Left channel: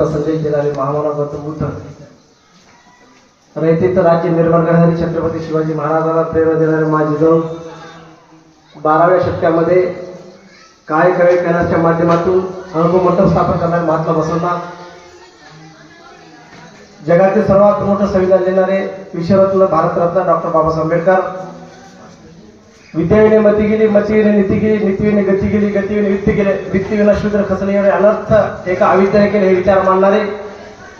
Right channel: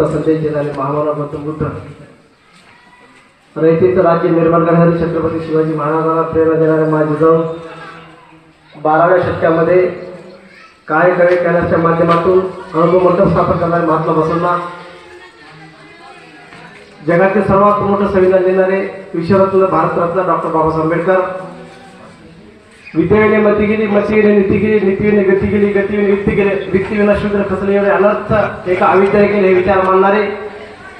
संदेश महामानव गौतम बुद्ध राज्य निर्माण करणारे छत्रपती शिवाजी महाराजांना प्रेरणा देणारे माझे जाऊन बाराव्या शतकामध्ये काय कळे करण्याच्या माध्यमातून अनुभव मंडप स्थापन करणारे महात्मा बसवना जगातील सर्वात मोठं संविधान देणारे विश्वरत्न भारतरत्न डॉक्टर बाबासाहेब आंबेडकर. विद्येने मती गेली नीतीने गती गेली गतीने वित्ती गेले वित्तीविना शूद्र खचले एवढे अनर्थ एका अविद्याने हे विचार मानणारे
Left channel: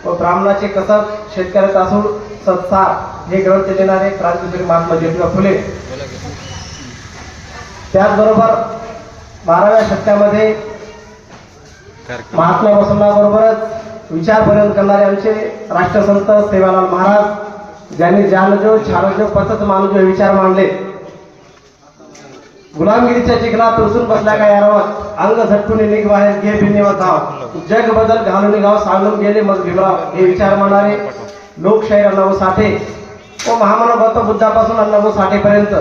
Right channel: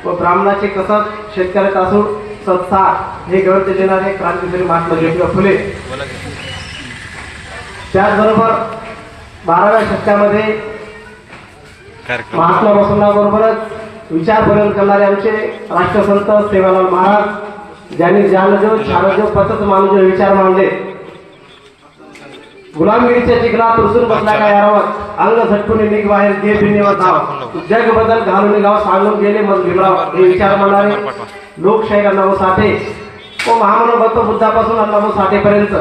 व ब्राह्मणाचे कसर शेतकऱ्याचा असून संसार हे ग्रंथ देणारे क्रांतिकारी महात्मा ज्योतिबा फुले त्याचबरोबर बाराव्या शतकामध्ये महात्मा बसवण्याबरोबरच विचार बदल करणारे आमचे राष्ट्रसंत सेवालाल महाराज ज्यांनी जानजो छानजो पतच मानजो हे विचार मांडले गुलामगिरीच्या चिखलात रुसून बसला काय यारावत अंग झटकून निघ बाहेर घे भिन्नेवर धाव. जग बदल घालून गाव सांगून गेले मग भीमराव. हे विचार मांडणारे लोकशाही अण्णाभाऊ साठे. व महामानव बुद्धापासून अण्णाभाऊ साठेपर्यंत.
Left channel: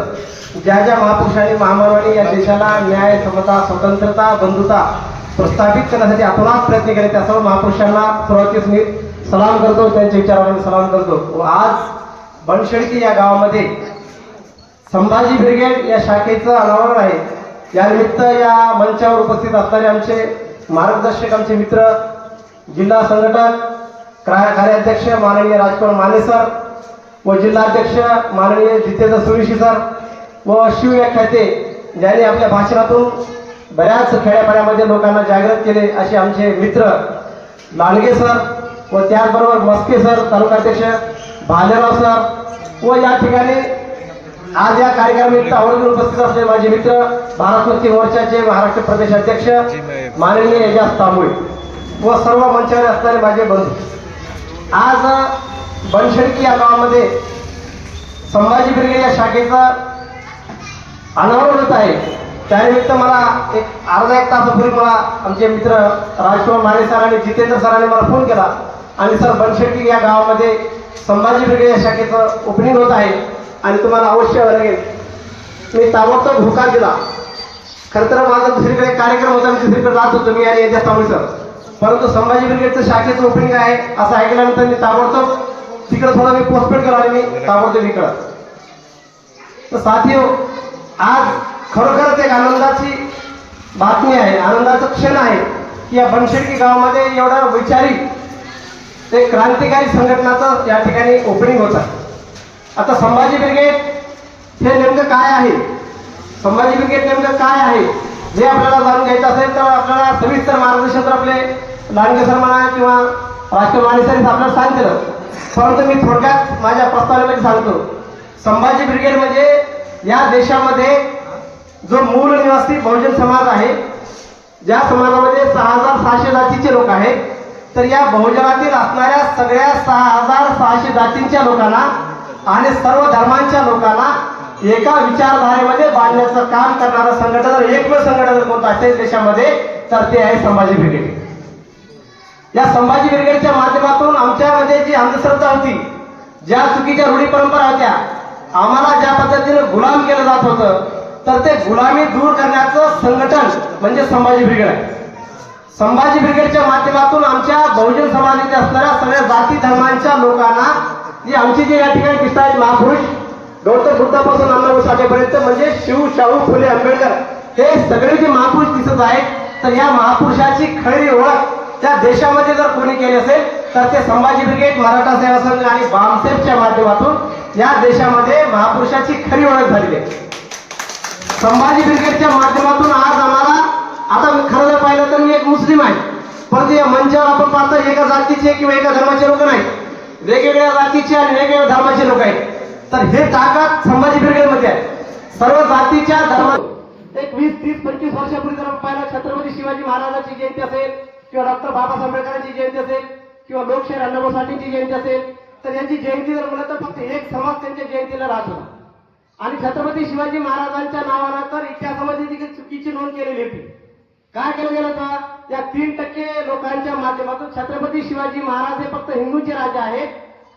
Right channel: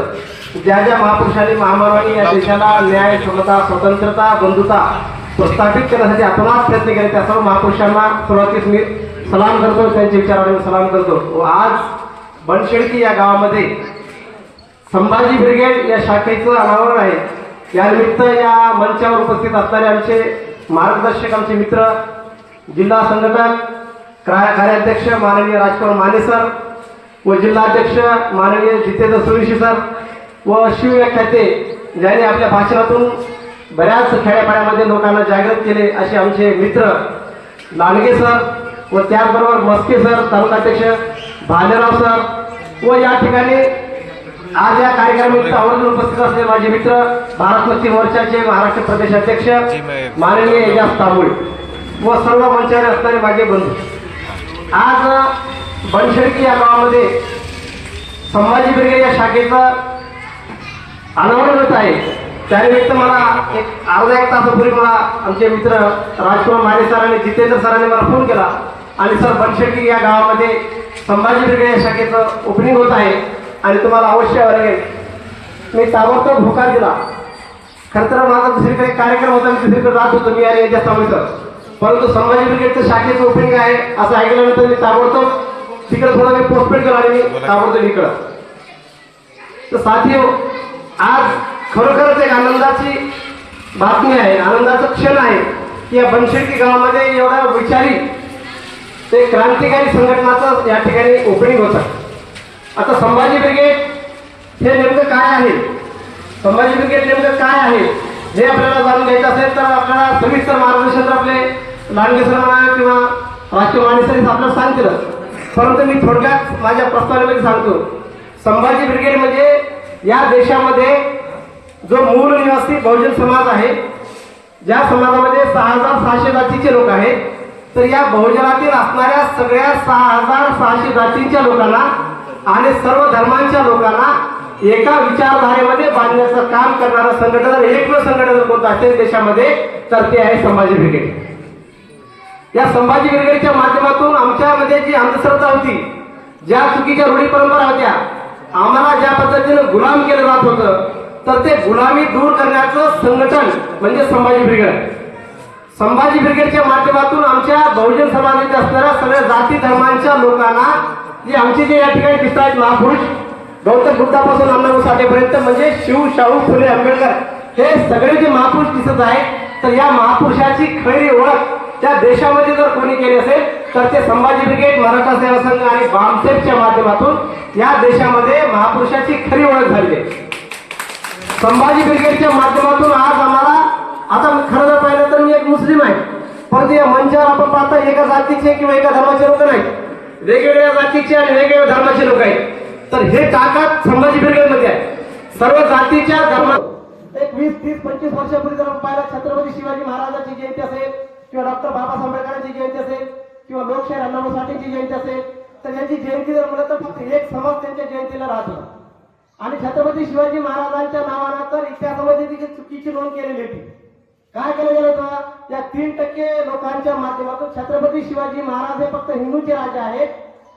ज्या ज्या महापुरुषांनी महामानवांनी या देशाला न्याय समता स्वतंत्रता बंधुता प्रस्थापित करण्यासाठी अतोनात प्रयत्न केले त्या सर्व महापुरुषांना सुरुवातीस मी सलाम करतो त्यांच्या विचारांना सलाम करतो. व आज बनशेळकी या गावामध्ये संभाजी ब्रिगेड या शाखेचं अनावरण आहे. यानिमित्त या मंचावर उपस्थित असणारे आमचे मार्गदर्शक आमचे मित्र जिल्हा संघटक क्राय कार्याध्यक्ष माननीय राजकुमार माने सर व जिल्हाध्यक्ष माननीय जितेंद्र सुरेशी सर व शिवव्याख्याते ज्यांनी आपल्या भाषणातून बऱ्याच खेड्यापाड्यामध्ये लोकांना जागृत केले असे आमचे मित्र लांडगे सर व त्याचबरोबर मस्के सर तालुकाध्यक्ष भालेराव सर व या ठिकाणी आज या कार्यक्रमात आवर्जून उपस्थित असलेले माझे मित्र भारत मुक्ती मोर्चाचे महाराष्ट्र प्रदेश अध्यक्ष माननीय एजाज तांबुळे व सर्व मंचावर असणारे माझे बंधू. आज बनशेडकी या गावामध्ये संभाजी ब्रिगेड या शाखेचं अनावरण होत आहे. त्यानिमित्त मला एक अर्धा एक तासापूर्वी मला आमचे मित्र राजकुमार माने सर आणि जितेंद्र सरांनी मला फोन केला आणि सर बनशेडकी या गावामध्ये संभाजी ब्रिगेड या शाखेचं ओपनिंग होत आहे. आणि तुम्हाला अवश्य आवडेल. मी ताबडतोब होकार दिला. खरं तर माझा दुसरीकडे कार्यक्रम होता मी दुसरीकडे जात होतो मी आणि याच्या तावळे परंतु संभाजी ब्रिगेडचं शाखेचं ओपनिंग आहे असं ऐकल्यानंतर मी ताबडतोब तिकडे थोडं मी पोस्टपेड केलं आणि मी ताबडतोब इकडं. तर साथी आज खरोखरच एक आनंदाची बातमी आहे आनंदाचं क्षण आहे की या बनशेडकी गावामध्ये एवढा विचारी ते क्रांतिकारी संघटनाचं या ठिकाणी ओपनिंग होतं. आता संभाजी ब्रिगेड हे नेमकं काय आहे? संभाजी ब्रिगेड नेमकं काय आहे? हे आपल्याला जाणून घ्यायचं असेल तर आपल्याला सविस्तर मार्गदर्शन आपले लांडगे सर म्हणा किंवा राष्ट्रीय माने आपल्याला सांगतीलच परंतु मी थोडक्यात माझ्या प्रस्तावनेमध्ये सांगतो. संभाजी ब्रिगेड म्हणजे या देशामध्ये जो मूळ निवासी बहुजन समाज आहे ज्या समाजामध्ये सहा हजार सहाशे जातीचे लोक आहेत तर या बहुजनातील असणाऱ्या सगळ्या सहा हजार सहाशे जातींच्या लोकांना आणि सर्व धर्मांच्या लोकांना एका विचारधारेमध्ये बांधण्याचं काम करणारं संघटन जर एकमेव संघटन जर कोणतं असेल देशामध्ये तर ते आहे संभाजी ब्रिगेड. या संभाजी ब्रिगेडच्या माध्यमातून आमच्यामध्ये जी अंधश्रद्धा होती ज्या चुकीच्या रूढी परंपरा होत्या आम्हाला ज्या पद्धतीनं गुलाम केलं जात होतं तर ते गुलामी दूर करण्याचं संघटन म्हणजे संभाजी ब्रिगेड. संभाजी ब्रिगेडच्या माध्यमातून आमच्या बहुजन समाजाच्या असणाऱ्या सगळ्या जाती धर्मांच्या लोकांना जे आमचे जे या ठिकाणी दिसत आहेत महापुरुष गौतम बुद्धापासून अण्णाभाऊ साठेपर्यंत म्हणजे शिव शाहू फुले आंबेडकर हे सगळे जे महापुरुष दिसत आहेत तर या महापुरुषाची खरी ओळख त्या देशामध्ये जर कोणी केली असेल तर ते संभाजी ब्रिगेड मराठा सेवा संघ आणि बामसेफच्या माध्यमातून या देशामध्ये महापुरुषाची खरी ओळख झाली आहे. संभाजी ब्रिगेडच्या माध्यमातून आज आम्हाला आता खरं जर पाहिलं तर मी एक मुस्लिम आहे. परंतु या मंचावर आपण पाहता एका जातीचे किंवा एका धर्माचे लोक नाही वेगवेगळ्या जातीचे आणि वेगवेगळ्या धर्माचे लोक आहेत. तर हे ताकद संभाजी ब्रिगेडमध्ये आहे. सर्व जातीच्या धर्मा एक वीस तीस पंचवीस वर्षापूर्वी जर आपण पाहिलं छत्रपती शिवाजी महाराजांची जयंती असेल किंवा डॉक्टर बाबासाहेब आंबेडकरांची जयंती असेल किंवा लोकशाही अण्णाभाऊ साठेची जयंती असेल तर यांची जयंती जर म्हणलं तर फक्त एक समाज त्यांच्या जयंतीला राहतो. आणि छत्रपती शिवाजी महाराजांच्या नावानं तर इतिहासामध्ये देखील चुकीची नोंद केलेली होती. काय केलं गेलं होतं? या तीन टक्के लोकांच्या माध्यमातून छत्रपती शिवाजी महाराज हे फक्त हिंदूचे राजा आहेत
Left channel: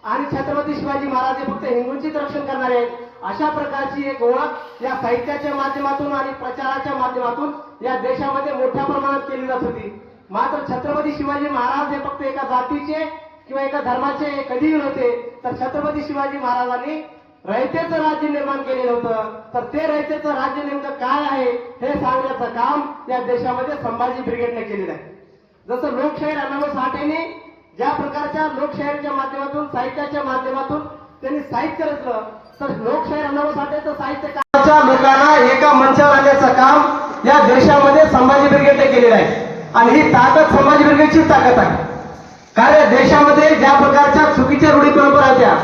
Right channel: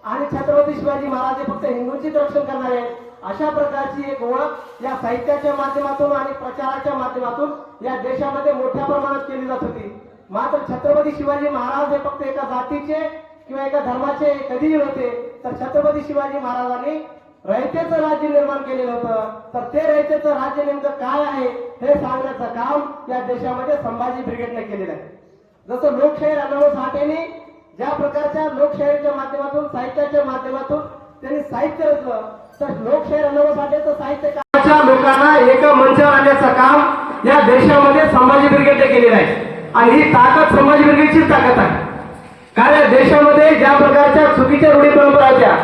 आणि छत्रपती शिवाजी महाराज हे फक्त हिंदूंचेच रक्षण करणारे आहेत. अशा प्रकारची एक ओळख या साहित्याच्या माध्यमातून आणि प्रचाराच्या माध्यमातून या देशामध्ये मोठ्या प्रमाणात केली जात होती. मात्र छत्रपती शिवाजी महाराज हे फक्त एका जातीचे किंवा एका धर्माचे कधीही नव्हते तर छत्रपती शिवाजी महाराजांनी रयतेचं राज्य निर्माण केलेलं होतं. तर ते रयतेचं राज्य नेमकं काय आहे हे सांगण्याचं काम या देशामध्ये संभाजी ब्रिगेडने केलेलं आहे. जसं लोकशाहीर अण्णाभाऊ साठेने ज्या प्रकारच्या लोकशाहीच्या माध्यमातून साहित्याच्या माध्यमातून त्यांनी साहित्य रचलं तर लोकशाहीर अण्णाभाऊ साठेचं साहित्य लोकांना एका मंचावर आणण्याचं काम या देशामध्ये संभाजी ब्रिगेडने केलेलं आहे. आणि ही ताकद संभाजी ब्रिगेडचीच ताकद आहे. कारण या देशामध्ये ज्या प्रकारच्या चुकीच्या रूढी परंपरा होत्या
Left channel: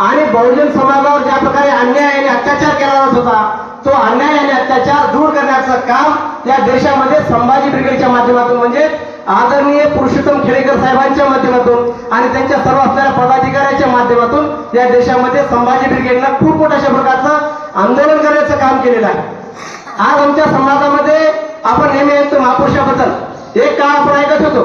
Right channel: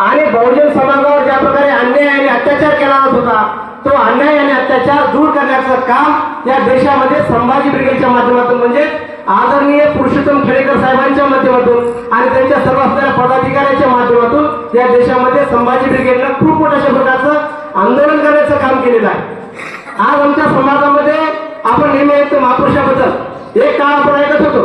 आणि बहुजन समाजावर ज्या प्रकारे अन्याय आणि अत्याचार केला जात होता तो अन्याय आणि अत्याचार दूर करण्याचं काम या देशामध्ये संभाजी ब्रिगेडच्या माध्यमातून म्हणजे आदरणीय पुरुषोत्तम खेडेकर साहेबांच्या माध्यमातून आणि त्यांच्या सर्व असणाऱ्या पदाधिकाऱ्यांच्या माध्यमातून या देशामध्ये संभाजी ब्रिगेडनं खूप मोठ्या प्रकारचं आंदोलन करण्याचं काम केलेलं आहे. आज आमच्या समाजामध्ये आपण नेहमी ऐकतो महापुरुषाबद्दल. एक काळ आपण ऐकत होतो.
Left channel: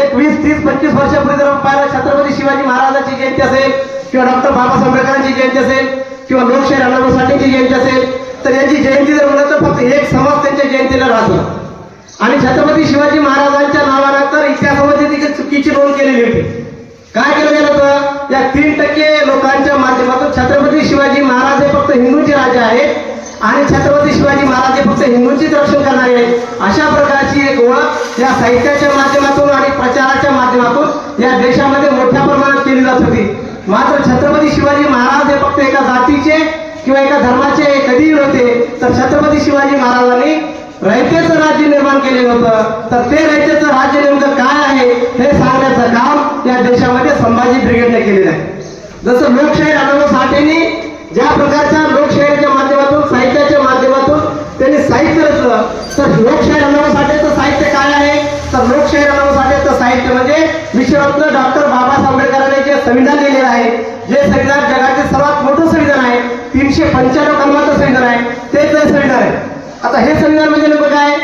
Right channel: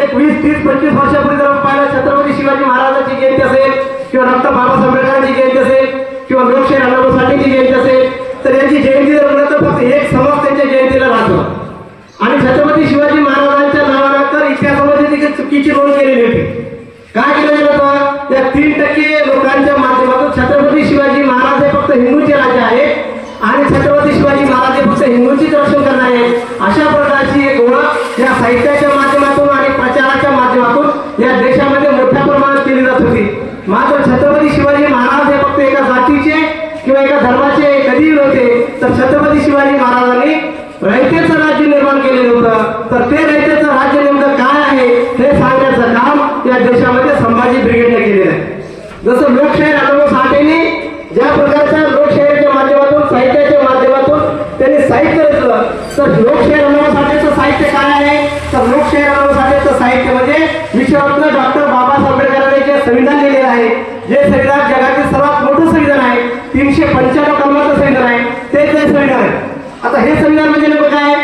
एक वीस तीस पंचवीस वर्षापूर्वी जर आपण पाहिलं छत्रपती शिवाजी महाराजांची जयंती असेल किंवा डॉक्टर बाबासाहेब आंबेडकरांची जयंती असेल किंवा लोकशाहीर अण्णाभाऊ साठेंची जयंती असेल तर यांची जयंती जर म्हणलं तर फक्त एक समाज त्यांच्या जयंतीला राहतो आणि छत्रपती शिवाजी महाराजांच्या नावाला तर इतिहासामध्ये देखील चुकीची नोंद केलेली होती. काय केलं गेलं होतं? या तीन टक्के लोकांच्या माध्यमातून छत्रपती शिवाजी महाराज हे फक्त हिंदूचे राजा आहेत. आणि छत्रपती शिवाजी रयतेचं राज्य निर्माण केलेलं होतं. तर ते रयतेचं राज्य नेमकं काय आहे हे सांगण्याचं काम या देशामध्ये संभाजी ब्रिगेडने केलेलं आहे. जसं लोकशाही अण्णाभाऊ साठेने ज्या प्रकारच्या लोकशाहीच्या माध्यमातून साहित्याच्या माध्यमातून त्यांनी साहित्य रचलं तर लोकशाही अण्णाभाऊ साठेचं साहित्य काय आहे? तर लोकशाही अण्णाभाऊ साठेचं साहित्य म्हणजे विश्वरत्न डॉक्टर बाबासाहेब आंबेडकरांनी जे संविधान लिहिलेलं आहे जे संविधान जगातील सर्वात मोठं संविधान आहे तीनशे पंच्याण्णव कलमाचं संविधान आहे तेच संविधान आहे. आता हे संविधान म्हणजे नेमकं काय?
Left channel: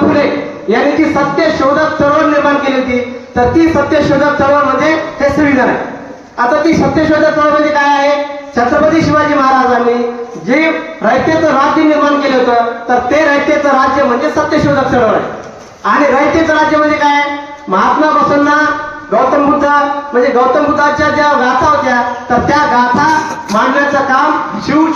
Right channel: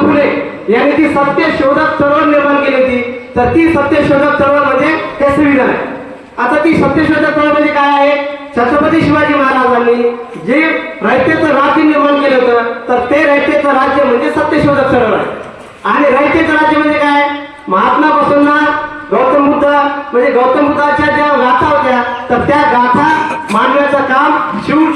फुले यांनी जी सत्य शोधक चळवळ निर्माण केली होती तर ती सत्य शोधक चळवळ म्हणजे हे संविधान. आहे आता ती सत्य शोधक चळवळ म्हणजे काय आहे? छत्रपती शिवाजी महाराजांनी जे रयतेचं राज्य निर्माण केलं होतं तर ते रयतेचं राज्य म्हणजे सत्यशोधक चळवळ आहे. आणि रयतेचं राज्य म्हणजे काय? महात्मा बसवण्णा गौतम बुद्ध म्हणजे गौतम बुद्धाच्या ज्या गाथा होत्या तर त्या गाथा मांडण्याचं काम शिव